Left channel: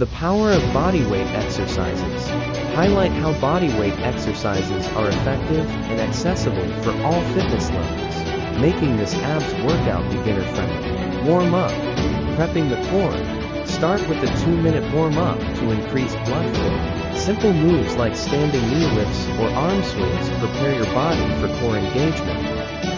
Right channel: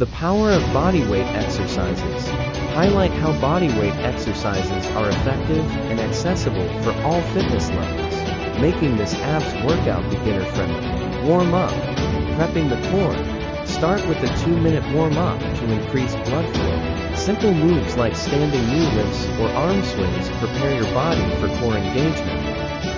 The power of bodyweight exercises. Highlight how bodyweight exercises are effective and accessible for all fitness levels, making this abs workout beginner-friendly. Warm up. Prepping the core. Start with a 2-minute warm-up to increase blood flow. Simple moves like standing knee lifts or arm swings prepare your body for core engagement.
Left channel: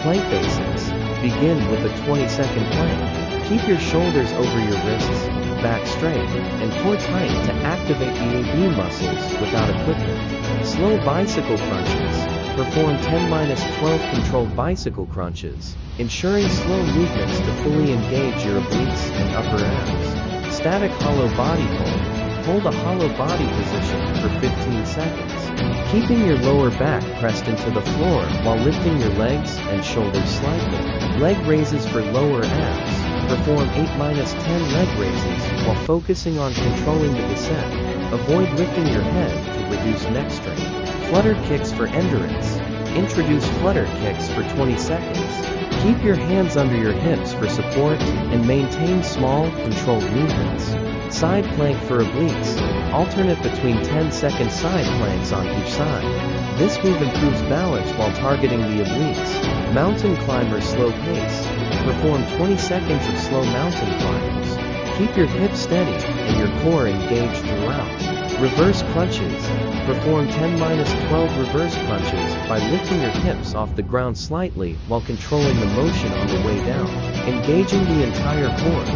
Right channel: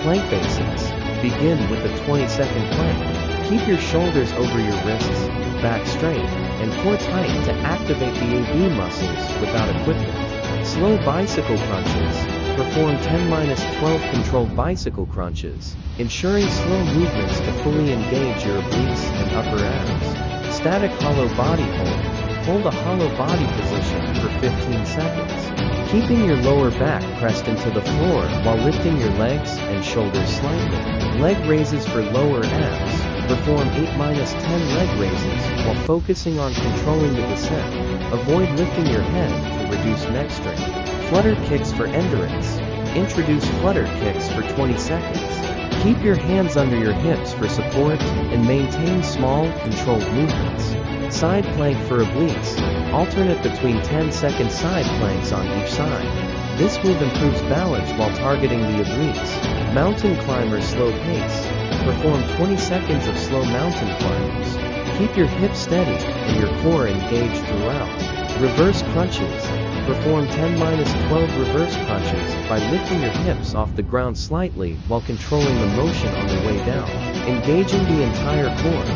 Plank basics. Begin with a 20-second plank. Keep your shoulders over your wrists, back straight, and core tight to activate the AB muscles without equipment. Slow bicycle crunches. Perform 10-12 controlled bicycle crunches, ensuring slow movements to fully engage your obliques and upper abs. Static hollow body hold. Hold a hollow body position for 15 seconds, keeping your lower back pressed into the floor while lifting your legs and shoulders slightly. Leg raises for lower abs. Perform 8-10 leg raises while focusing on controlling the descent. Avoid lifting your head to reduce neck strain. Flutter kicks for endurance. Introduce flutter kicks for 20 seconds. Keep your hands under your hips for support and maintain small, controlled movements. Side plank for obliques. Alternate between 10-second side planks on each side. This move improves balance while targeting the obliques. Mountain climber slow pace. Perform 20 seconds of slow mountain climbers. Keep your hips steady and your core engaged throughout. Reverse crunches. Perform 10-12 reverse crunches by lifting your hips off the ground slightly while controlling the motion on the way down, engaging the entire core.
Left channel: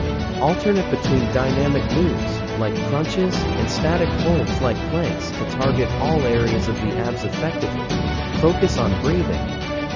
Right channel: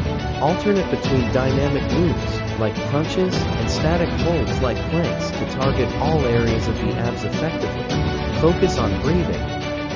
Alternate between dynamic moves, like crunches, and static holds like planks to target all areas of the abs effectively. Focus on breathing.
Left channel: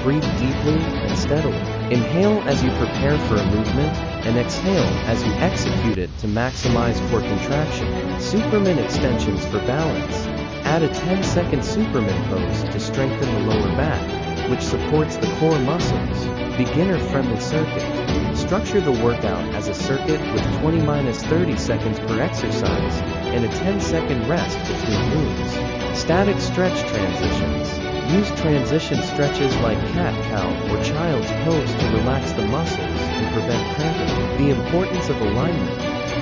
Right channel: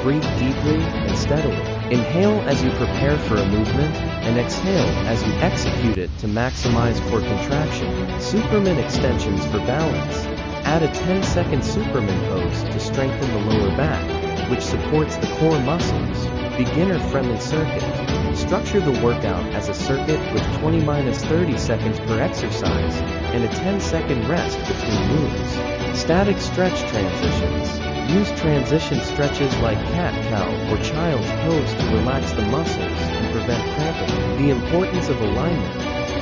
Breathe deeply and steadily. Inhale as you prepare for a movement, and exhale as you execute it to maximize core contraction. Superman extensions for balance. Add a 10-second Superman pose to strengthen the lower back, which supports the core muscles. Beginner-friendly circuit. Structure the workout as a circuit with 20-30 seconds per exercise, and a 10-second rest between moves. Static stretch transitions. Use transition stretches like cat-cow or child's pose to relax the muscles and prevent cramping. The importance of alignment.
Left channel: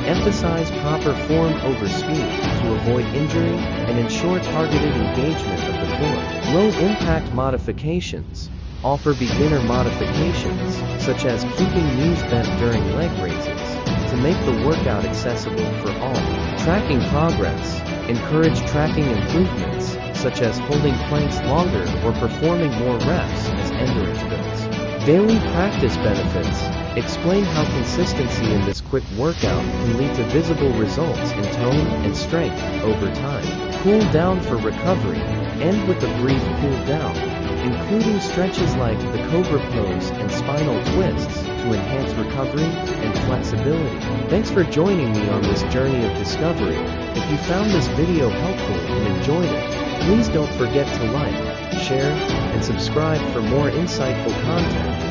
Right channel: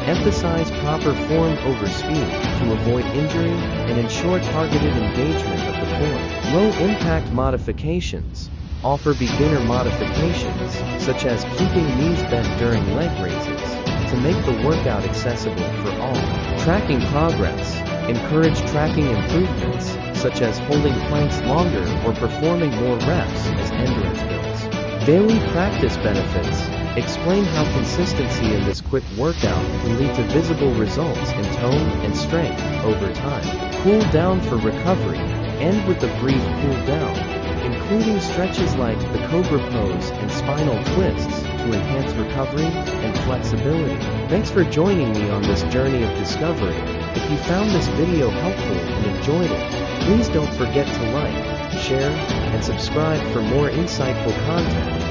Emphasize proper form over speed to avoid injury and ensure targeted engagement of the core. Low-impact modifications. Offer beginner modifications, such as keeping knees bent during leg raises, to make the workout accessible for all. Tracking progress. Encourage tracking improvements, such as holding planks longer or performing more reps as endurance builds. Daily practice benefits. Explain how consistency in this quick workout can lead to visible results in tone and strength over time. Cool down for recovery. End with a brief cool down, including stretches like the cobra pose and spinal twists to enhance recovery and flexibility. Thanks for joining me on this journey of discovery. If you found this video helpful and enjoyed it, please don't forget to like, share, and subscribe for more insightful content.